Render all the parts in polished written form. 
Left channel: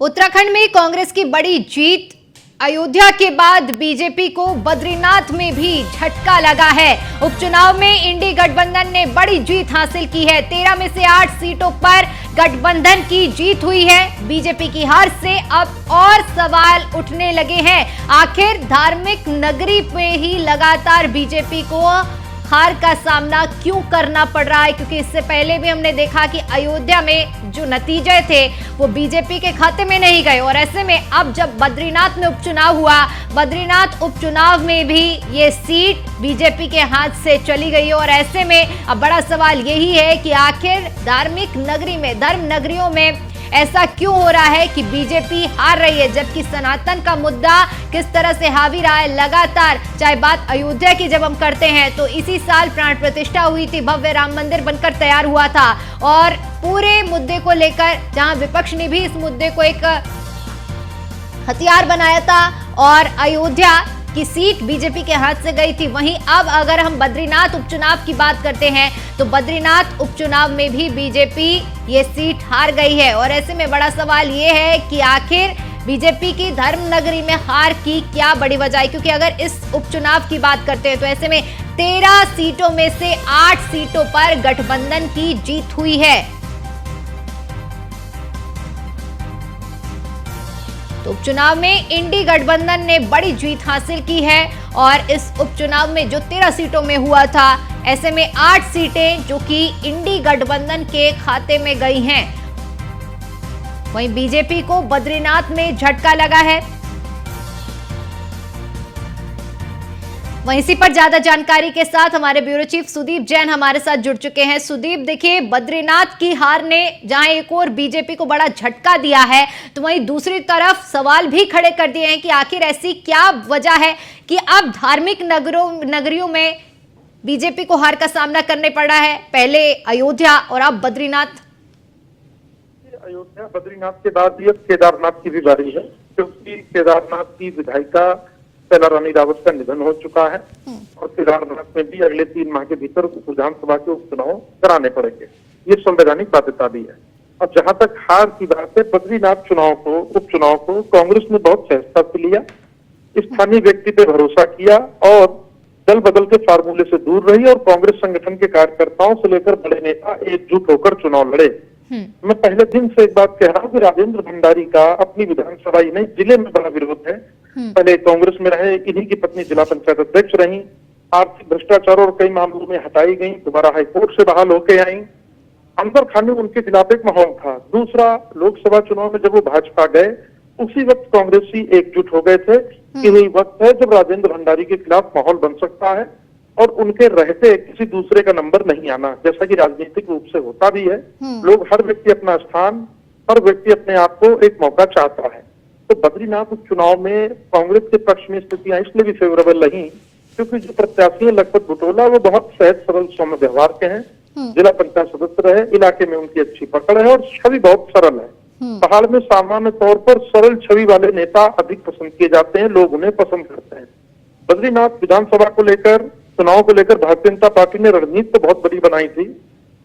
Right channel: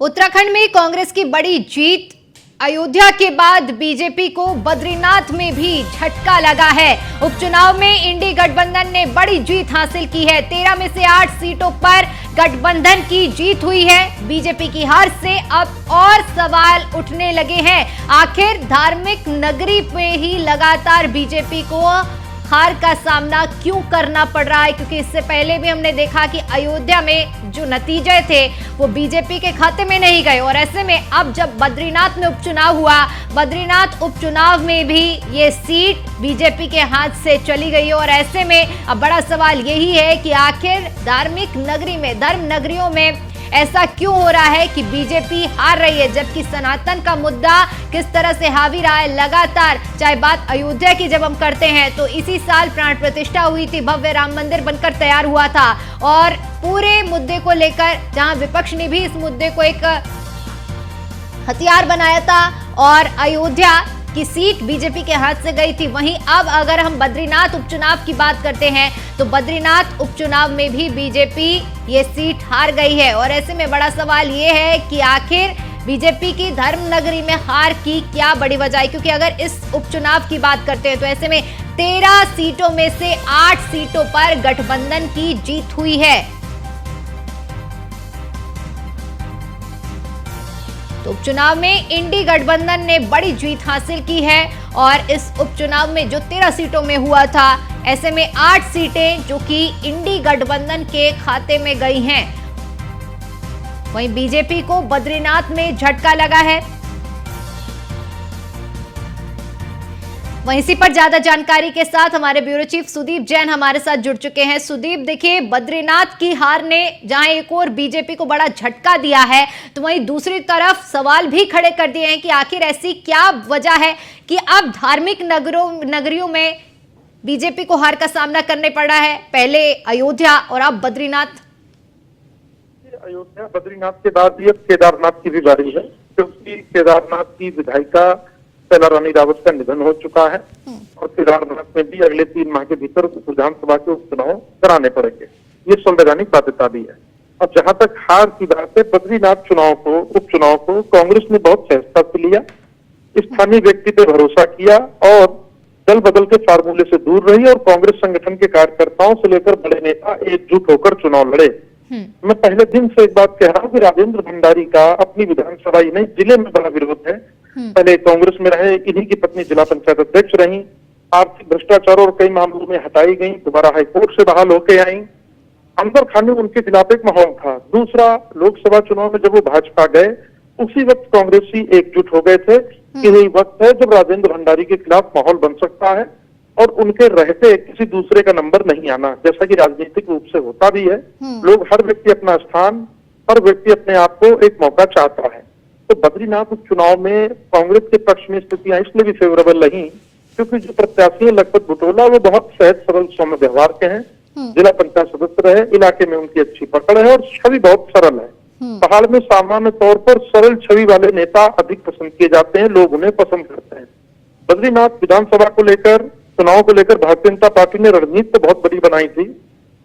उत्तराखंड में कांग्रेस की बड़ी जीत। अयोध्या के बाद बीजेपी को बद्रीनाथ में भी झटका लगा है। उपचुनाव में इंडी गठबंधन ने बड़ी जीत हासिल की है। 13 में से 8 सीटों पर गठबंधन की जीत हुई है। बीजेपी की हार से अब और सवाल उठने लगे हैं। आखिर धार्मिक नगरी में ही लगातार बीजेपी को हार का सामना क्यों करना पड़ रहा है, क्योंकि इससे पहले भी हमने देखा कि अयोध्या में जो नतीजे थे वो बीजेपी के खाते में नहीं गए। और ऐसे में अब जब बद्रीनाथ में उपचुनाव हुआ, बद्रीनाथ उपचुनाव में भी ये सीट बीजेपी के हाथ से चली गई। और ऐसे में अब बड़ा सवाल यही है कि आखिर धार्मिक नगरी में, धर्म नगरियों में ऐसा क्यों हो रहा है कि बीजेपी हार रही है, जबकि सनातन का मुद्दा किस तरह से हावी रहा है लगातार। चाहे बात अयोध्या की जब हम करते हैं तो इसी साल प्राण प्रतिष्ठा हुई थी, भव्य राम मंदिर बनकर तैयार हुआ था। और पूरे मुद्दे को लेकर जहां विपक्ष ने भी इस मुद्दे को एक हथियार बनाया था और अयोध्या की सीट बीजेपी के हाथ से गई थी, वहीं अब अगर हम बद्रीनाथ उपचुनाव की बात करते हैं तो बद्रीनाथ उपचुनाव में भी बीजेपी ये सीट हार गई है। और ऐसे में बड़ा सवाल ये है कि आखिर बीजेपी की धर्म नगरी में हार की क्या बड़ी वजह है, क्योंकि अगर इस उपचुनाव की बात करते हैं तो ऐसे में 13 सीटों में से 8 सीटों पर गठबंधन की जीत हुई है। तो उपचुनाव में इंडी गठबंधन ने बड़ी जीत हासिल की है और इस उपचुनाव में जो 13 सीटों में हुआ था, ऐसे में 8 सीटें जो कि इंडी गठबंधन के खाते में गई हैं। वहीं बीजेपी को बद्रीनाथ में झटका लगा है। वहीं इसी पर ज्यादा जानकारी के साथ हमारे ब्यूरो चीफ सुदीप जैन हमारे साथ जुड़ चुके हैं। सुदीप, देखिए, बद्रीनाथ की हार ने जहां एक और बीजेपी को बड़ा झटका दिया है, तो वहीं दूसरी तरफ सवाल भी खड़े कर दिए हैं कि आखिर ऐसी क्या वजह है कि अब धार्मिक नगरियों में बीजेपी को हार का सामना करने पड़ रहा है। पहले अयोध्या और अब बद्रीनाथ। अयोध्या बद्रीनाथ के बाद ये केदारनाथ की भी बारी है, क्योंकि केदारनाथ की विधायिका पहला रानी रावत का निधन हो चुका है और केदारनाथ में भी अगले 3 माह के भीतर विधानसभा के उपचुनाव कराने पड़ेंगे। ये संवैधानिक बाध्यता भी है। अब जहां तक हार की बात है, बद्रीनाथ उपचुनाव को कांग्रेस ने बहुत सहजता से लिया, स्थानीय व्यक्ति पे भरोसा किया और दल बदल के फार्मूले से दूर रही और कांग्रेस संगठन के कार्यकर्ताओं से लेकर बड़े नेता एकजुट होकर चुनाव लड़े। मैं पहले दिन से एक बात कह रहा हूँ कि राजेंद्र भंडारी का अपनी विधानसभा ही नहीं, जिले में बड़ा विरोध है। पहले कांग्रेस में रहे, इन्हीं की पत्नी जिला पंचायत अध्यक्ष रही, आर्थिक भ्रष्टाचार और कई मामलों में हटाई गई, दोबारा हाईकोर्ट से बहाल होके आई। अंदर खाने उनके खिलाफ एक माहौल था। दूसरा, लोकसभा चुनाव में जब वो भाजपा गए, उसी वक्त कांग्रेसी एकजुट हो गए थे कि यही वक्त है जब राजेंद्र भंडारी के खिलाफ माहौल बन सकता है और उनके रहते किसी दूसरे का नंबर नहीं आना, जैसा कि राजनीतिक रूप से होता भी है। लोग, हर व्यक्ति अपना स्थान, हर व्यक्ति अपने आप को एक मौका चाहता है। तो बद्रीनाथ उपचुनाव में कांग्रेस के पक्ष में स्थितियां इसलिए भी फेवरेबल रही क्योंकि जो प्रत्याशी लखपत बुटोला वो बहुत सहज सरल सौम्य व्यवहार के हैं, जिला पंचायत सदस्य रहे, इलाके में उनकी अच्छी पकड़ है और छवि बहुत सरल है। पहाड़ में सामान्य तौर पर सरल छवि वाले नेता अधिक पसंद किए जाते हैं, लोग उन्हें पसंद करते हैं। बद्रीनाथ विधानसभा को लेकर, चुनाव को लेकर भारतीय जनता पार्टी ने रणनीति तो बहुत बड़ी बनाई थी,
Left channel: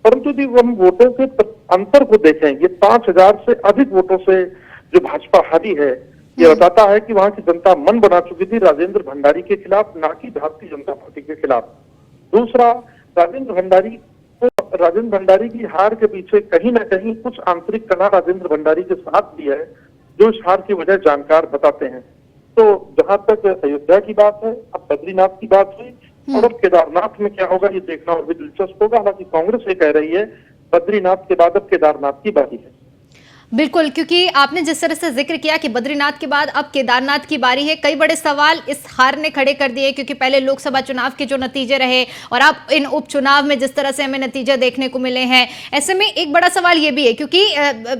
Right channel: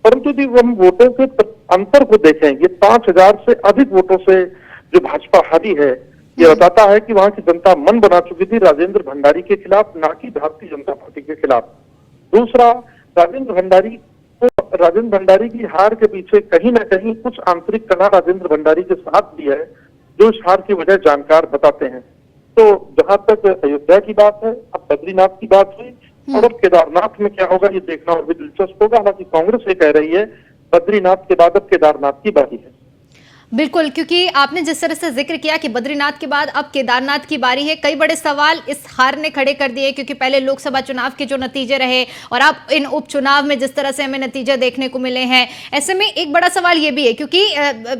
परंतु यदि हम वोटों के अंतर को देखें, ये 5000 से अधिक वोटों से जो भाजपा हारी है, ये बताता है कि वहां की जनता मन बना चुकी थी राजेंद्र भंडारी के खिलाफ, ना कि भारतीय जनता पार्टी के खिलाफ। दूसरा, राजेंद्र भंडारी की हार के पीछे कहीं ना कहीं कुछ आंतरिक कला राजेंद्र भंडारी के साथ भी है, जो इस हार की वजह जानकार बताते हैं। तो जहां तक अयोध्या की बात है, अब बद्रीनाथ की बात हुई और अब केदारनाथ में क्या होगा ये देखना और भी दिलचस्प होगा। हालांकि कांग्रेस ये कह रही है बद्रीनाथ के बाद अब केदारनाथ की बारी है। बिल्कुल, क्योंकि आपने जिस तरह से जिक्र किया कि बद्रीनाथ के बाद अब केदारनाथ की बारी है, कई बड़े सवाल इस हार ने खड़े कर दिए, क्योंकि पहले लोकसभा चुनाव के जो नतीजे रहे और अब इन उपचुनाव में जिस तरह से हमें नतीजे देखने को मिले हैं, ऐसे में एक बड़ा सवाल ये भी है, क्योंकि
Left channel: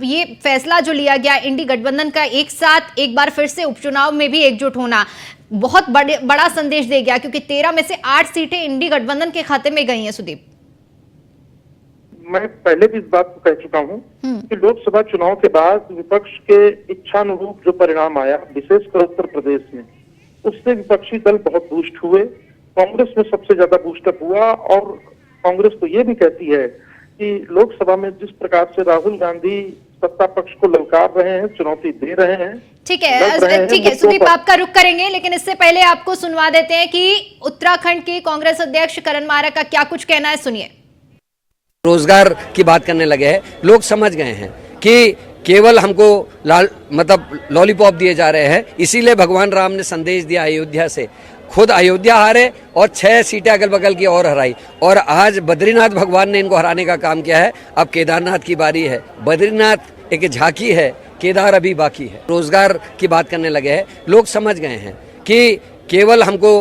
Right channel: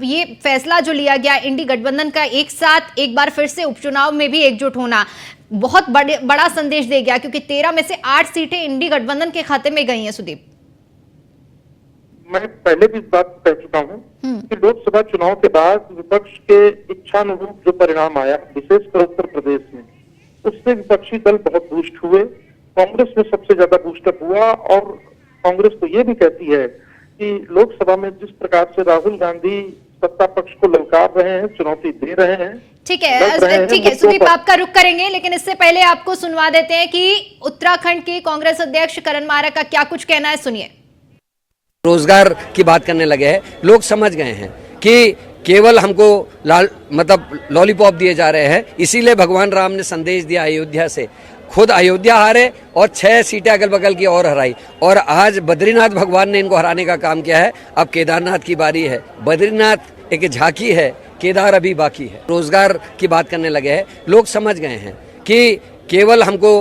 ये फैसला जो लिया गया इंडी गठबंधन का एक साथ एक बार फिर से उपचुनाव में भी एकजुट होना बहुत बड़ा संदेश दे गया, क्योंकि 13 में से 8 सीटें इंडी गठबंधन के खाते में गई हैं। सुदीप, मैं पहले भी इस बात को कह चुका हूं कि लोकसभा चुनाव के बाद विपक्ष के इच्छानुरूप जो परिणाम आया, विशेषकर उत्तर प्रदेश में, उससे विपक्षी दल बहुत बूस्ट हुए। कांग्रेस में सबसे ज्यादा बूस्टअप हुआ और कांग्रेस तो ये भी कहती है कि लोकसभा में जिस प्रकार से राहुल गांधी सत्ता पक्ष को ललकार रहे हैं, चुनौती दे रहे हैं। ठीक लड़ रहे है, हैं ठीक है मुद्दों सुदीप, पर। आपका रुख करेंगे, लेकिन इससे पहले आपको सुनवा देते हैं कि उत्तराखंड के कांग्रेस अध्यक्ष करण मारा का क्या कुछ कहना है, सुनिए। रोजगार की बात करने लगे हैं। लोग समझ गए हैं कि केवल हमको लॉलीपॉप दिए जा रहे हैं, इसीलिए भगवान राम ने संदेश दिया अयोध्या से, खुद अयोध्या हारे और 6 सीटें अगल बगल की और हराई, और आज बद्रीनाथ भगवान ने इनको हराने का काम किया है। अब केदारनाथ की बारी है। बद्रीनाथ एक झांकी है, केदार अभी बाकी है। रोजगार की बात करने लगे हैं। लोग समझ गए हैं कि केवल हमको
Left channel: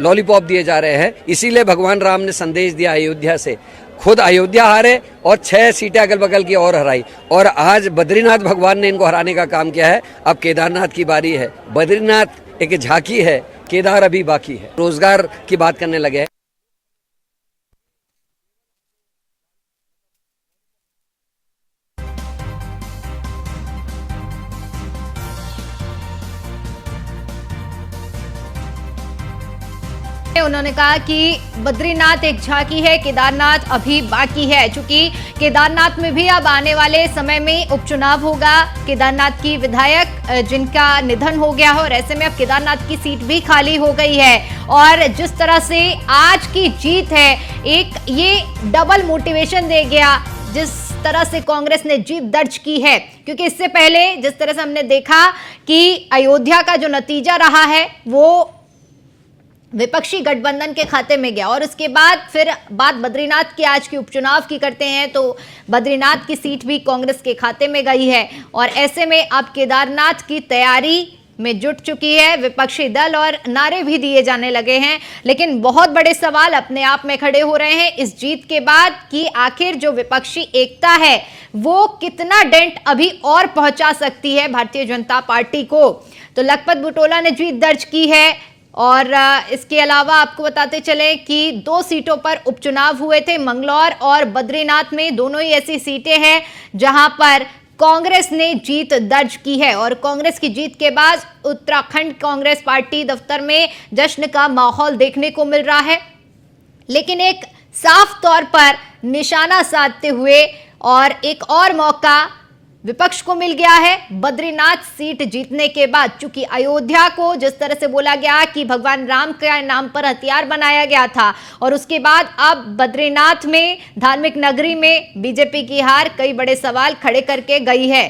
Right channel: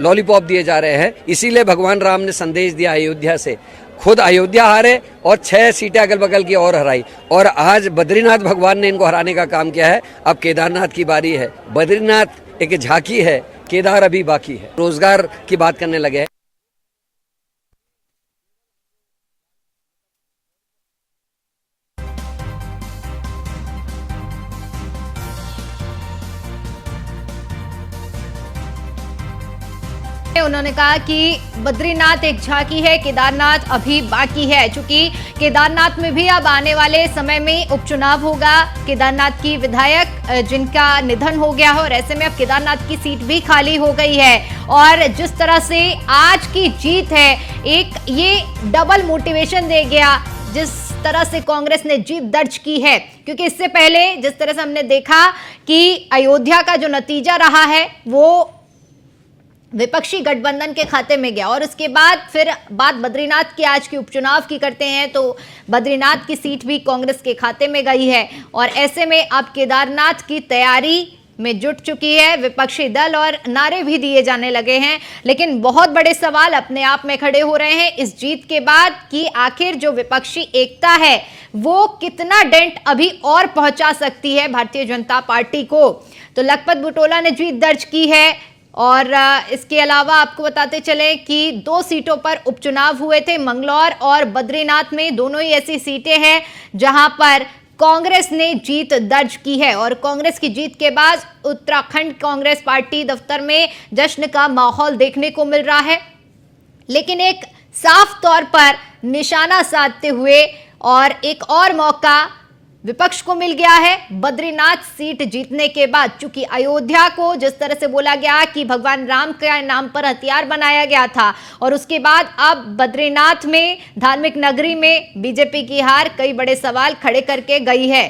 लॉलीपॉप दिए जा रहे हैं, इसीलिए भगवान राम ने संदेश दिया अयोध्या से, खुद अयोध्या हारे और 6 सीटें अगल बगल की और हराई, और आज बद्रीनाथ भगवान ने इनको हराने का काम किया है। अब केदारनाथ की बारी है। बद्रीनाथ एक झांकी है, केदार अभी बाकी है। रोजगार की बात करने लगे हैं। उन्होंने कहा कि बद्रीनाथ एक झांकी है, केदारनाथ अभी बाकी है। चूंकि केदारनाथ में भी अब आने वाले समय में उपचुनाव होगा। केदारनाथ की विधायक जिनका निधन हो गया हो, और ऐसे में अब केदारनाथ की सीट भी खाली हो गई है। और जिस तरह से आज की जीत है, एक ये डबल मोटिवेशन दे गया जिस तरह से कांग्रेस ने जीत दर्ज की है। क्योंकि इससे पहले जिस तरह से हमने देखा कि अयोध्या का जो नतीजा रहा है वो विपक्षी गठबंधन के खाते में गया, और उसके बाद फिर बात बद्रीनाथ की आज के उपचुनाव की करते हैं तो बद्रीनाथ की सीट भी कांग्रेस के खाते में गई है। और ऐसे में अब केदारनाथ की तैयारी में जुट चुकी है विपक्षी दल, और नारे भी दिए जाने लगे हैं। लेकिन बहुत बड़े सवाल अपने आप में खड़े हो रहे हैं इस जीत के बाद कि आखिर जो विपक्षी एकता है वो कितना डेंट अभी और पहुंचा सकती है भारतीय जनता पार्टी को। तो लखपत बुटोला ने जीत दर्ज की है। और इसके अलावा आपको बताते चले कि 2 सीटों पर उपचुनाव हुए थे, मंगलौर और बद्रीनाथ में। दोनों ही ऐसी सीटें हैं जहां पर कांग्रेस ने जीत दर्ज की है। और कांग्रेस की जीत के बाद उत्तराखंड कांग्रेस पार्टी दफ्तर में जश्न का माहौल देखने को मिल रहा है। लेकिन एक साफ तौर पर निशाना साधते हुए और एक और मौका विपक्ष को मिल गया है बद्रीनाथ सीट जीतने के बाद। चूंकि अयोध्या को जिस तरह से बोला गया कि भगवान राम के नाम पर हथियार बनाया गया था, और उसके बाद अब बद्रीनाथ में धार्मिक नगरी में बीजेपी की हार कई बड़े सवाल खड़े करके गई है।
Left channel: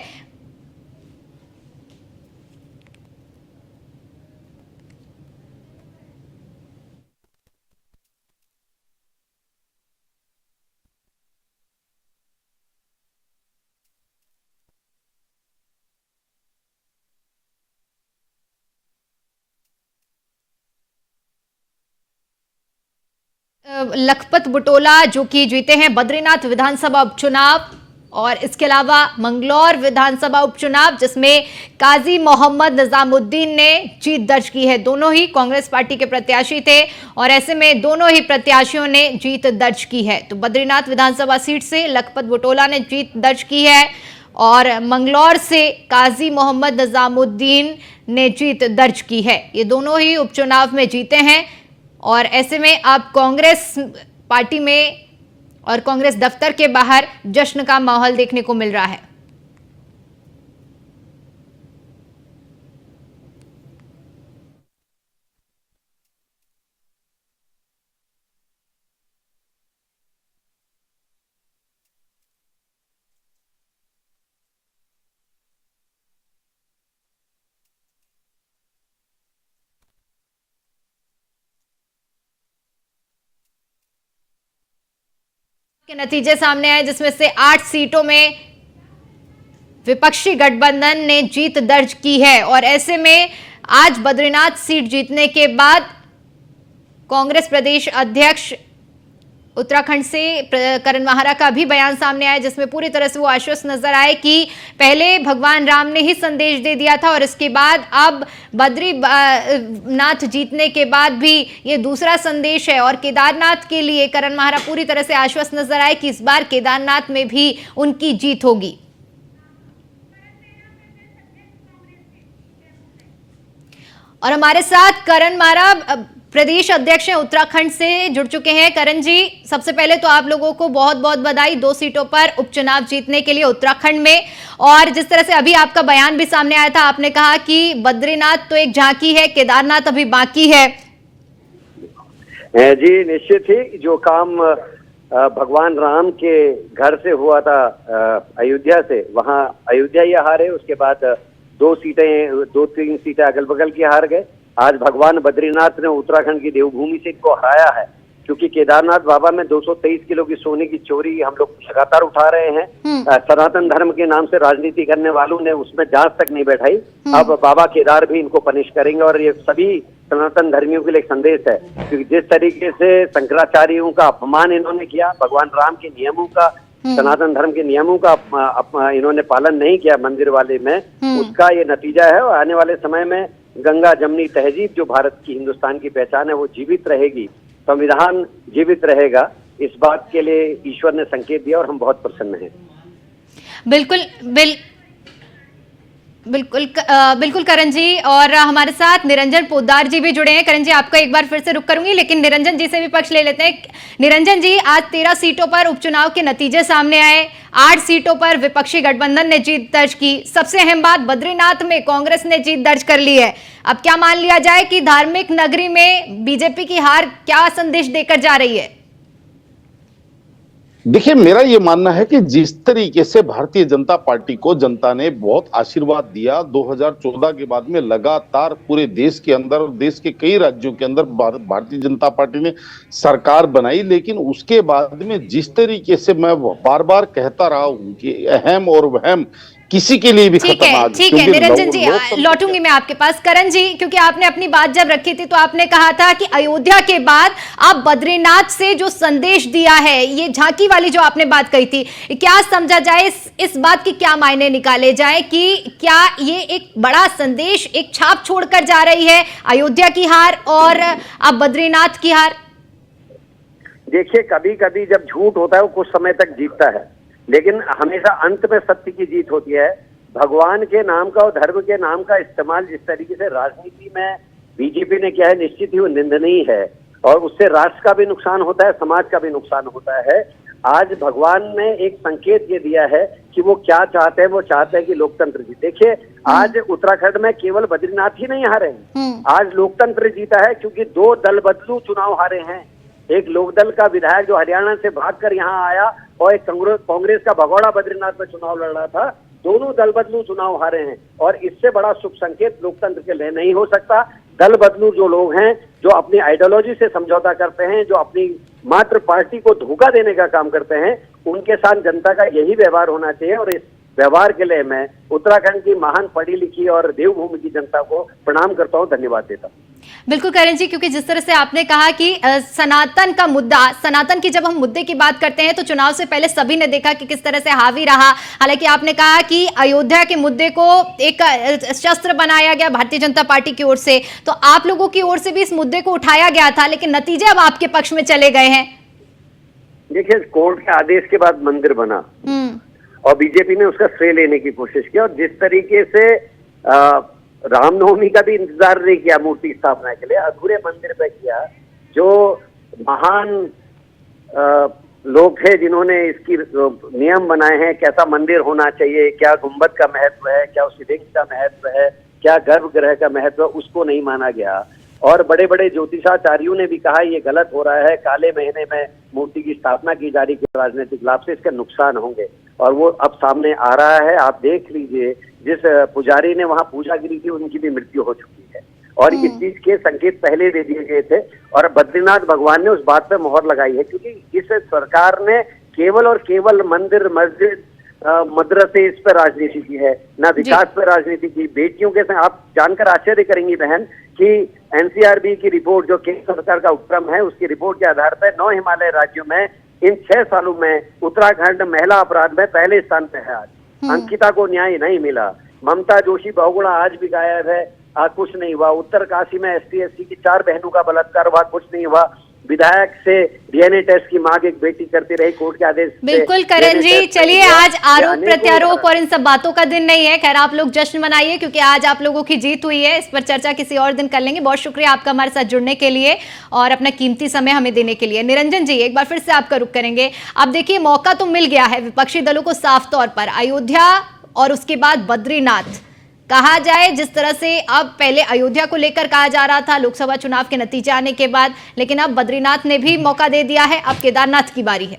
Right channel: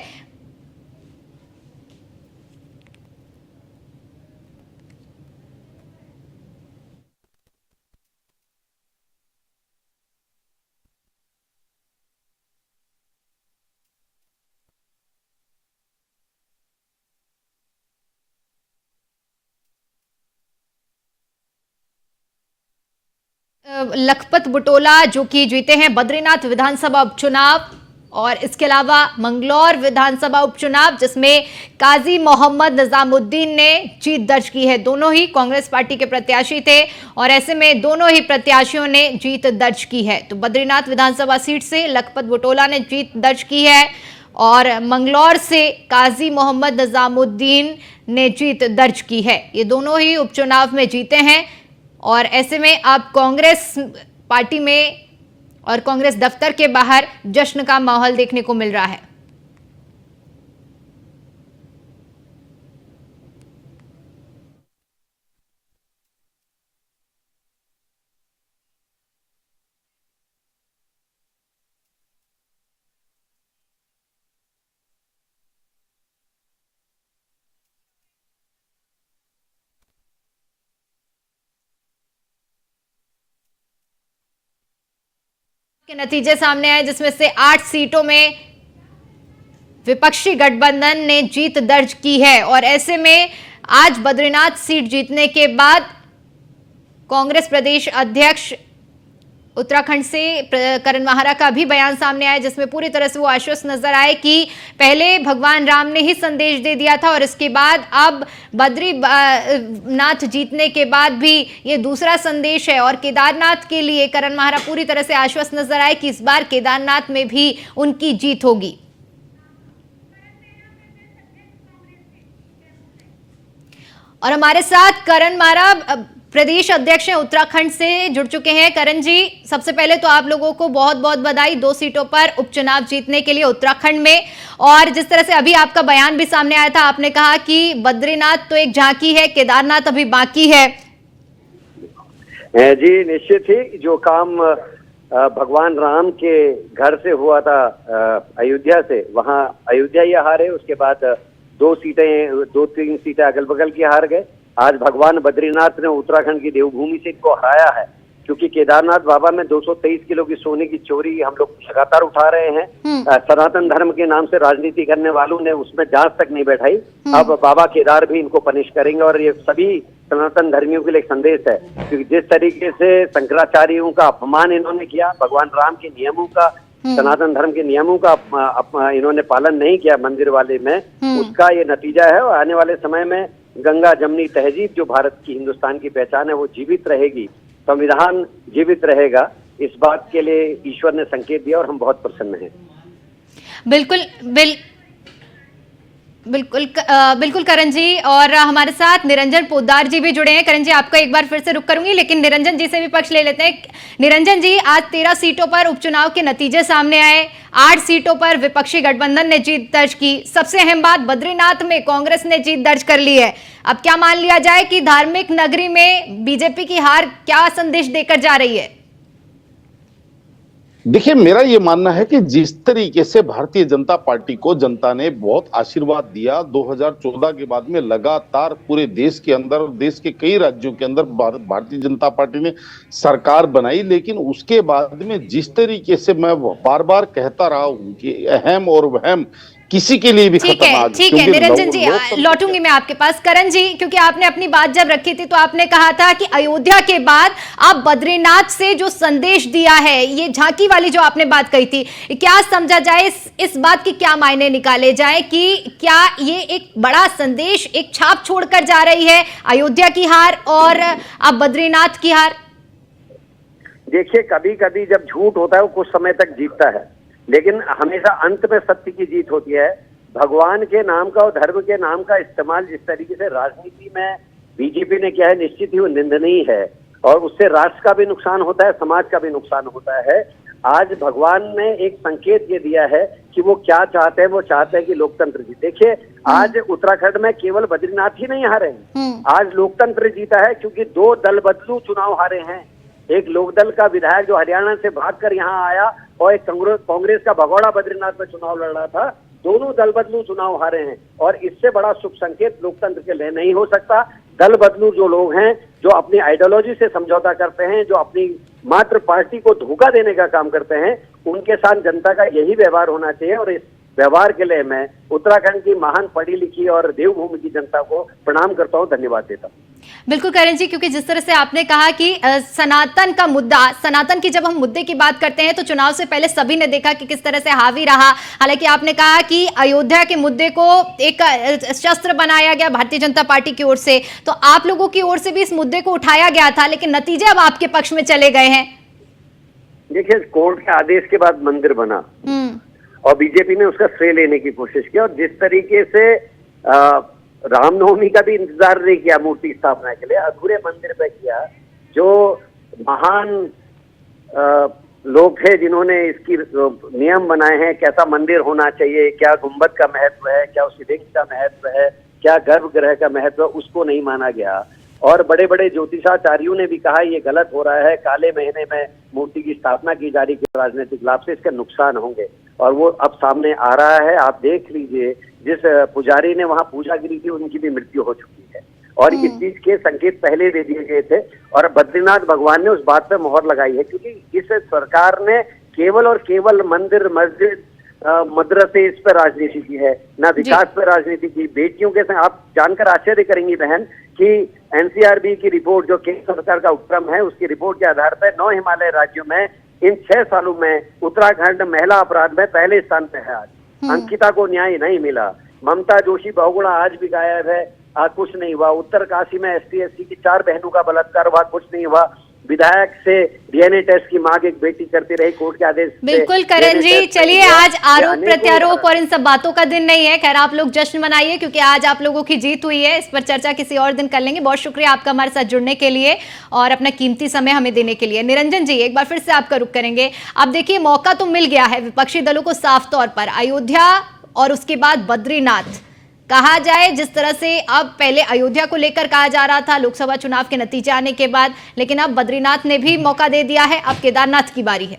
लखपत बुटोला जो कि जीते हैं बद्रीनाथ विधानसभा उपचुनाव, और इसके अलावा मंगलौर विधानसभा उपचुनाव जिसमें काजी मोहम्मद निजामुद्दीन ने जीत दर्ज की है। दोनों ही कांग्रेस पार्टी के प्रत्याशी थे, और ऐसे में दोनों ही प्रत्याशियों ने जीत दर्ज की है। तो बद्रीनाथ विधानसभा सीट से लखपत बुटोला ने जीत दर्ज की है, और मंगलौर से काजी मोहम्मद निजामुद्दीन ने जीत दर्ज की है। ये दोनों ही उपचुनाव में जीते हैं, और ऐसे में अब कांग्रेस पार्टी में और कांग्रेस दफ्तर के बाहर जश्न का माहौल देखने को मिल रहा है। के नतीजे सामने आए जिसमें से 8 सीटों में विपक्षी गठबंधन ने जीत दर्ज की है। और ऐसे में आज बद्रीनाथ सीट जीतने के बाद कांग्रेस प्रदेश अध्यक्ष उत्तराखंड से करण माहरा का भी बयान सामने आया, जिसमें पूरी तरह से वो आश्वस्त नजर आए कि पहले भगवान राम ने ही संदेश दे दिया था, और इसके बाद अब बद्रीनाथ जीतने के बाद भी ये दूसरा संदेश है। और केदारनाथ के लिए करण माहरा पूरी तरह से आश्वस्त नजर आए कि इस बार केदारनाथ में भी उनकी जीत होगी। और हमारे साथ करण माहरा प्रदेश अध्यक्ष हैं उत्तराखंड से जुड़ चुके हैं। करण जी, सबसे पहले तो आप लोगों को बहुत बहुत बधाई 2 सीटों पर उपचुनाव जीतने के लिए उत्तराखंड में। और जिस तरह से अभी आपका बयान भी सामने आया था, आपने कहा कि बद्रीनाथ तो एक झांकी है, केदारनाथ अभी बाकी है। जी निश्चित ही जो काम भगवान राम के घर से हुआ था अयोध्या से, वहां अयोध्या ही हारे, उसके बाद 2-3 सीटें अगल बगल की हार गए। आज भगवान बद्रीनाथ ने उत्तराखंड की देवभूमि से इनको हराया है, क्योंकि केदारनाथ बाबा में 223 किलो की सोने की चोरी हम लोग लगातार उठा रहे हैं। सनातन धर्म के नाम से राजनीति करने वालों ने उसमें जांच तक नहीं बैठाई। अब बाबा केदार भी इनको पनिश करेंगे, और ये सभी सनातन धर्मियों के लिए एक संदेश है, क्योंकि जिस तरीके से शंकराचार्यों का अपमान इन्होंने किया, भगवान राम के नियमों का, सनातन धर्म के नियमों का इन्होंने पालन नहीं किया मंदिर वाले में, उसका ये नतीजा है। और आने वाले समय में गंगा जमनी तहजीब जो भारत की, हिंदुस्तान की पहचान है, वो जीवित रहेगी, संविधान जीवित रहेगा। इस बात के लिए ईश्वर ने संकेत दिया और हम बहुत प्रसन्न हैं। बिल्कुल करण जी, और हमारे साथ निरंजन पोद्दार जी भी जुड़े हैं। करण जी, आपका एक बार फिर से रुक करूंगी, लेकिन निरंजन जी से भी पक्ष ले लेते हैं। निरंजन जी, आज 13 सीटों पर उपचुनाव के नतीजे सामने आए। 8 सीटों पर विपक्षी गठबंधन ने जीत दर्ज की। सबसे अहम बात, बद्रीनाथ में कांग्रेस ने जीत दर्ज कर ली है। अब क्या मान लिया जाए कि धार्मिक नगरी में बीजेपी की हार क्या संदेश देकर जा रही है? देखिए, मेरा ये मानना है कि जिस तरीके से भारतीय जनता पार्टी को जनता ने बहुत आशीर्वाद दिया 2014 के बाद में, लगातार पूरे देश के अंदर और देश के कई राज्यों के अंदर भारतीय जनता पार्टी ने सरकार बनाई, लेकिन उसके बाद में जिस तरीके से मैं बार बार कहता रहा हूं कि अहम और वहम किसी के लिए भी खत्म आ गया। ठीक है निरंजन जी, लौटूंगी मैं आपके पास। करण जी, क्योंकि आपने अपनी बात जब रखी थी तो आपने कहा था कि अयोध्या के बाद आप बद्रीनाथ से जो संदेश दिया है, ये झांकी वाली जो आपने बात कही थी, क्या समझा जाए, इस बात की क्या मायने निकाले जाए कि क्या ये एक बड़ा संदेश, एक छाप छोड़कर जा रही है अयोध्या की हार और अब बद्रीनाथ की हार? देखिए, कभी कभी जब झूठ होता है वो कुछ समय तक जीतता है, लेकिन हमेशा अंत में सत्य की जीत होती है। भगवान के नाम का और धर्म के नाम का इस्तेमाल जिस तरीके से राजनीति में बीजेपी ने किया है, निश्चित ही वो निंदनीय है, और उससे राष्ट्र का भी नुकसान होता है, समाज का भी नुकसान होता है। आज भगवान ने एक संकेत ये दिया है कि वो क्या चाहते हैं। वो चाहते हैं कि लोकतंत्र जीते। देखिए, आज उत्तराखंड में केवल बद्रीनाथ ही नहीं हारे हैं, आज लोकतंत्र जीता है, क्योंकि 2 दल बदलू चुनाव हारे हैं। एक लोकदल का विधायक जो हरियाणा से भागकर यहाँ आया, और एक कांग्रेस का भगोड़ा बद्रीनाथ में चुनाव लड़ रहा था। दोनों दल बदलू चुनाव हारे हैं, और इससे बड़ा शुभ संकेत लोकतंत्र के लिए नहीं हो सकता। दल बदलू जो लोग हैं, जो अपनी आइडियोलॉजी से समझौता करते हैं, जो अपनी मात्र पार्टी को धोखा देने का काम करते हैं, उनके साथ जनता का यही व्यवहार होना चाहिए। और इस व्यवहार के लिए मैं उत्तराखंड की महान पढ़ी लिखी और देवभूमि की जनता को प्रणाम करता हूं, धन्यवाद देता हूं। बिल्कुल करण जी, क्योंकि जिस तरह से आपने कहा कि सनातन का मुद्दा, सनातन की जब हम मुद्दे की बात करते हैं तो चुनाव से पहले सभी ने देखा कि किस तरह से हावी रहा। हालांकि आपने कहा कि अयोध्या के मुद्दे को एक शस्त्र बनाया गया भारतीय जनता पार्टी की ओर से, तो आप लोगों की ओर से भी इस मुद्दे को उठाया गया था, लेकिन नतीजे अब आपके पक्ष में चले गए हैं। देखिए, कोर्ट के आदेश के बाद मंदिर बना और बीजेपी ने उसका श्रेय लेने की कोशिश की, और जिस तरीके से रामनवमी का भी इंतजार नहीं किया मूर्ति स्थापना के लिए, अधूरे मंदिर पे किया। जो महान लोग थे जिन्होंने इसकी नियम बनाए हैं, कैसा मंदिर होना चाहिए, क्या गुंबद का महत्व है, क्या उसकी देख का महत्व है, क्या गर्भगृह का महत्व है, उसको नहीं माना गया। और बड़े बड़े ज्योतिषाचार्यों ने भी कहा ये गलत हो रहा है, काले महीने में मूर्ति की स्थापना की जा रही है, राजनीतिक लाभ से इसके नुकसान होंगे, और वो अब सामने आ रहा है। आप देख लीजिए, जिस पुजारी ने वहां पूजा की थी उनकी भी मृत्यु हो चुकी है, और इस चीज के संकेत पहले दे दिए गए थे, और बद्रीनाथ भगवान ने उस बात पर मोहर लगाई है, क्योंकि इस सरकार ने केवल और केवल मंदिर, मस्जिद, मदरसे, इस पर राजनीति की है, ना विकास पर राजनीति की। बेटियों के साथ आप जानकर आश्चर्य करेंगी बहन कि एनसीआरबी की रिपोर्ट, जो केंद्र सरकार का उपक्रम है, उसकी रिपोर्ट के आधार पर 9 हिमालय राज्यों में इन 6 सालों में उत्तराखंड महिला अपराध में पहले स्थान पे है। आज अंकिता को न्याय नहीं मिला। ममता जोशी बहुगुणा आज भी गायब है, कुछ नहीं हुआ। उत्तर काशी में ST/SC की 4 बहनों का बलात्कार हुआ, कुछ नहीं हुआ। विधायक से डीएनए टेस्ट की मांग एक बेटी करती रही, कोर्ट के आदेश से बिल्कुल करण DNA जी, टेस्ट चलिए नहीं हुआ। आज आरोप अनेकों प्रत्यारोप और इन सब बातों का दिन नहीं है। खैर आप लोग जश्न मनाइए क्योंकि आज आप लोगों की जीत हुई है। इस पर चर्चा किसी और दिन कर लेंगे। बहुत शुक्रिया आपका हमारे साथ जुड़ने के लिए और अपना कीमती समय हमें देने के लिए। निरंजन जी, एक बार फिर से आपका रुख करेंगे। अब देखिए, मौका तो मिल गया है विपक्षी दलों को साफ तौर पर। अयोध्या और उसके बाद बद्रीनाथ कहा जाए, जिस तरह से अब पहले अयोध्या को लेकर कहा जा रहा था लोकसभा चुनाव के नतीजे आने के बाद, लेकिन अब बद्रीनाथ ने भी मौका दे दिया है। अब केदारनाथ की बारी है।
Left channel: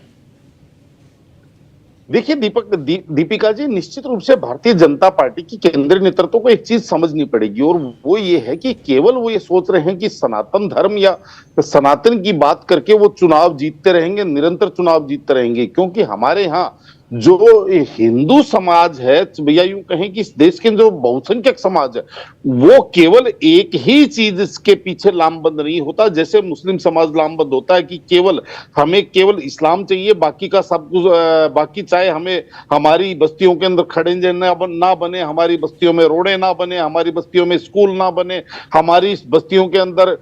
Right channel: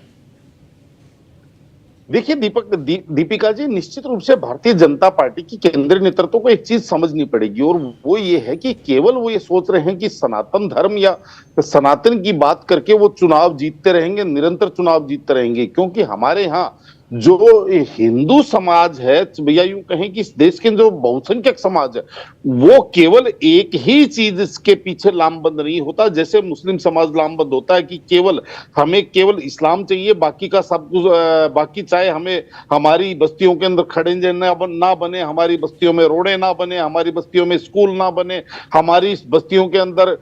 देखिए दीपिका जी, निश्चित रूप से भारतीय जनता पार्टी की केंद्रीय नेतृत्व को एक चीज समझनी पड़ेगी और वो ये है कि केवल वो ये सोच रहे हैं कि सनातन धर्म या सनातन की बात करके वो चुनाव जीतते रहेंगे, निरंतर चुनाव जीतते रहेंगे। क्योंकि हमारे यहाँ जो हिंदू समाज है, भैया यूं कहें कि इस देश के जो बहुसंख्यक समाज है, वो केवल एक ही चीज इसके पीछे लामबंद नहीं होता। जैसे मुस्लिम समाज लामबंद होता है कि हमें केवल इस्लाम चाहिए, बाकी का सब कुछ, बाकी चाहे हमें हमारी बस्तियों के अंदर खड़ंजे ना बने, हमारी बस्तियों में रोडे ना बने, हमारी बस्तियों में स्कूल ना बने, हमारी बस्तियों के अंदर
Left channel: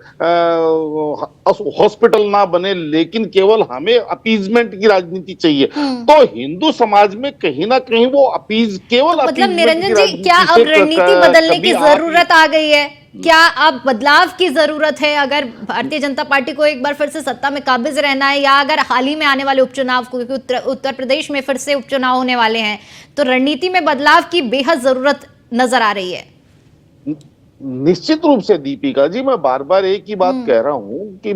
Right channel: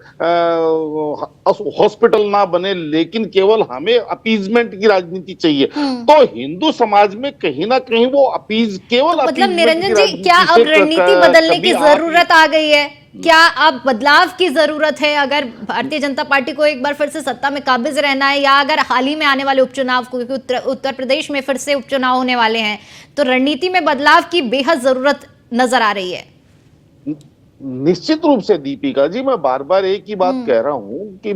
हॉस्पिटल ना बने, लेकिन केवल हमें अपीजमेंट की राजनीति चाहिए। तो हिंदू समाज में कहीं ना कहीं वो अपीज केवल मतलब निरंजन जी, क्या अब रणनीति बदलने की जरूरत आ गई है? क्या अब बदलाव की जरूरत है अगर भारतीय जनता पार्टी को एक बार फिर से सत्ता में काबिज रहना है, या अगर हाल ही में आने वाले उपचुनाव को, क्योंकि उत्तर प्रदेश में फिर से उपचुनाव होने वाले हैं, तो रणनीति में बदलाव की बेहद जरूरत नजर आ रही है? निश्चित रूप से दीपिका जी, मैं बार बार एक ही बात कह रहा हूं कि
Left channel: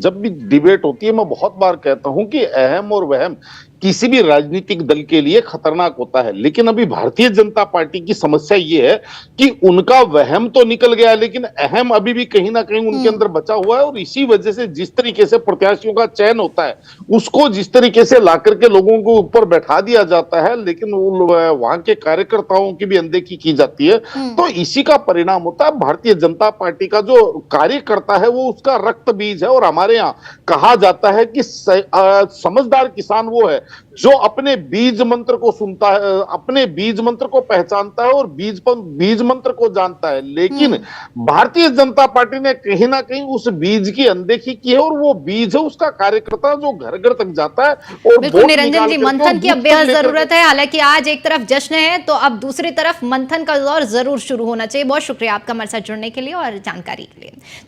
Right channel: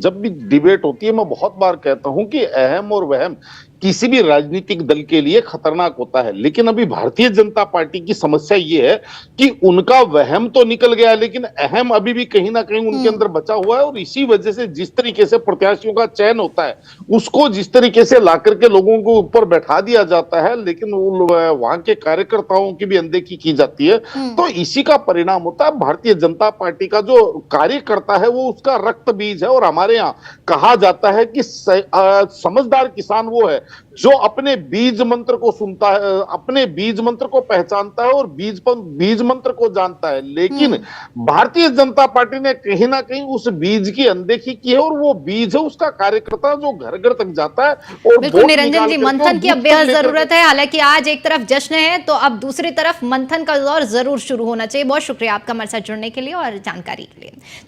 जब भी डिबेट होती है मैं बहुत बार कहता हूं कि अहम और वहम किसी भी राजनीतिक दल के लिए खतरनाक होता है। लेकिन अभी भारतीय जनता पार्टी की समस्या ये है कि उनका वहम तो निकल गया, लेकिन अहम अभी भी कहीं ना कहीं उनके अंदर बचा हुआ है। और इसी वजह से जिस तरीके से प्रत्याशियों का चयन होता है, उसको जिस तरीके से ला करके लोगों को ऊपर बैठा दिया जाता है, लेकिन वहां के कार्यकर्ताओं की भी अनदेखी की जाती है, तो इसी का परिणाम होता है। भारतीय जनता पार्टी का जो कार्यकर्ता है वो उसका रक्त बीज है। और हमारे यहाँ कहा जाता है कि समझदार किसान वो है जो अपने बीज मंत्र को सुनता है, अपने बीज मंत्र को पहचानता है और बीज मंत्र को जानता है। लेकिन भारतीय जनता पार्टी ने कहीं ना कहीं उस बीज की अनदेखी की है, और वो बीज है उसका कार्यकर्ता जो घर घर तक जाता है। और बिल्कुल निरंजन जी, मंथन की अब बेहद जरूरत है। हालांकि आज एक तरफ जश्न है तो अब दूसरी तरफ मंथन का दौर जरूर शुरू होना चाहिए। बहुत शुक्रिया आपका हमारे साथ जुड़ने के लिए और जानकारी के लिए।